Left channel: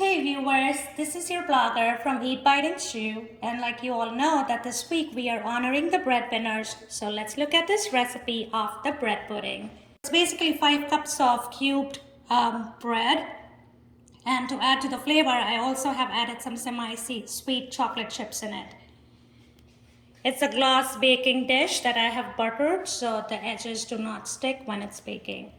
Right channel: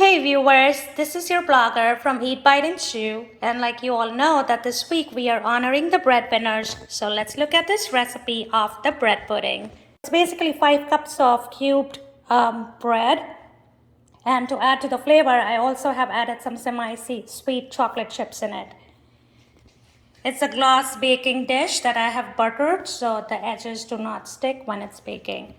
Hey viewers, this is your blogger from Eat, Bite and Chew, and like you all know that this week we are honoring the breadwinners, so let's look at this recipe of the bread pudding. It's basically 5 cups of cubed bread, and to add to the flavor I also have added some semi-sweet chocolate chips in it. It's a glass baking dish that I have buttered so the edges do not stick when it's baking.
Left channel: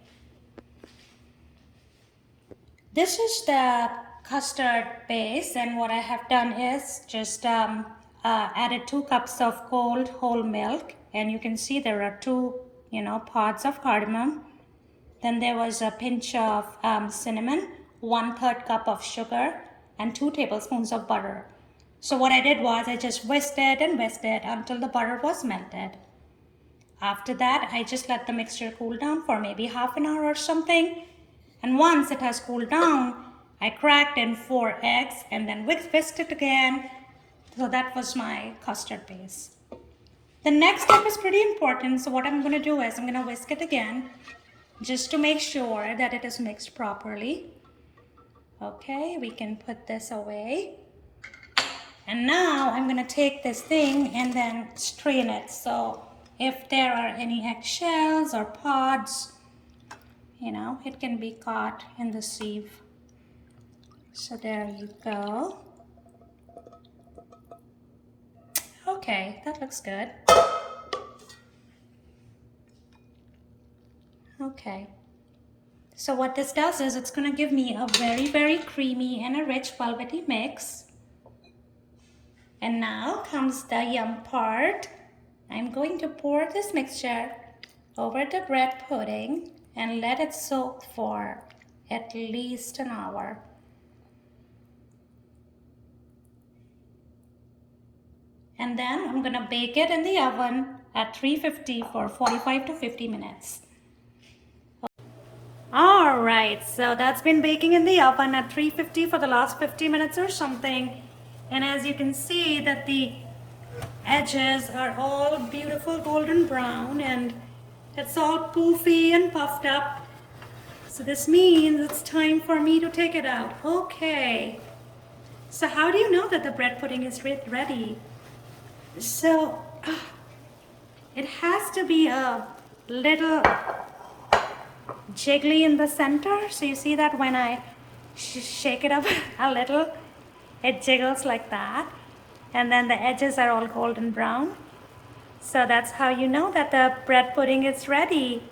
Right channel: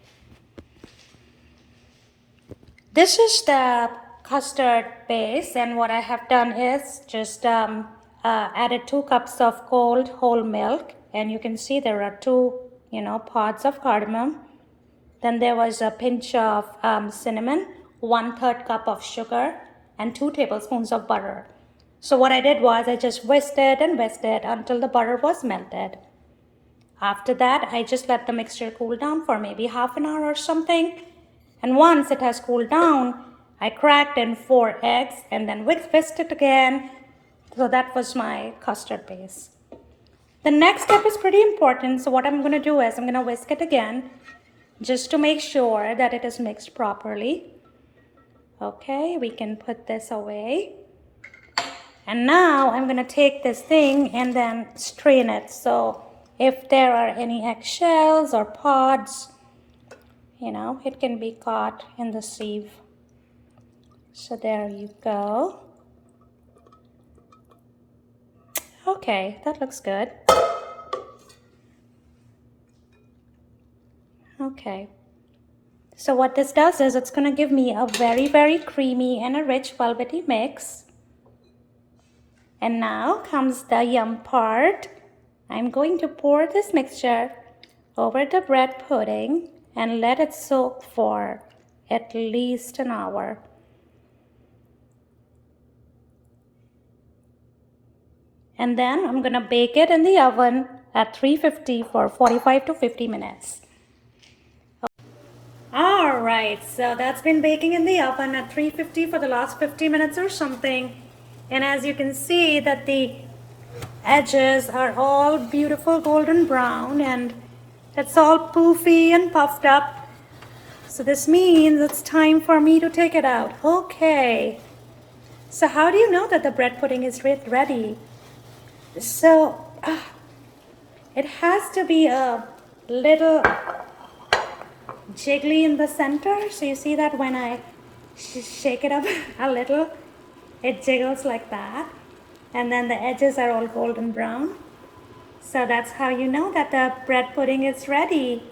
This is the custard base, and what I have done is just added 2 cups of cold whole milk, and you can see there are 2 pods of cardamom. Then there was a pinch of cinnamon, 1/3 cup of sugar, and 2 tablespoons of butter. So what I did was I just whisked it and whisked it until the butter was melted. After that, I just let the mixture cool down for maybe half an hour or something. And once it has cooled down, I cracked in 4 eggs and then whisked it again. So that was my custard base. The next step is pretty important. So what I'm going to do is I'm going to whisk it again just to make sure that it is mixed properly. Okay, we can put this away. And now I'm going to take this thing and then strain it. So if there are any eggshells or pods, it can be caught in the sieve. So there you go. Okay, that looks good. Okay. So what this does is it's going to give me a very, very creamy and a rich velvety mix. And now comes the yum part. I'm going to pour this mixture over the bread pudding and let it soak for at least an hour. And then I'm going to bake it in the oven at 350 for 45 to 50 minutes. Alright, so that's been baking in the oven at 350 for the last 50 minutes or something. And as you can see that the edges are all beautiful golden brown and it's all poofy and puffed up. So this means it's time for me to take it out. Okay. So how do you know that the bread pudding is ready? So it has to be a little jiggly in the center. So you see that when I shake it up a little, it jiggles like that. And then the edges are all golden brown. So that's how you know that the bread pudding is ready.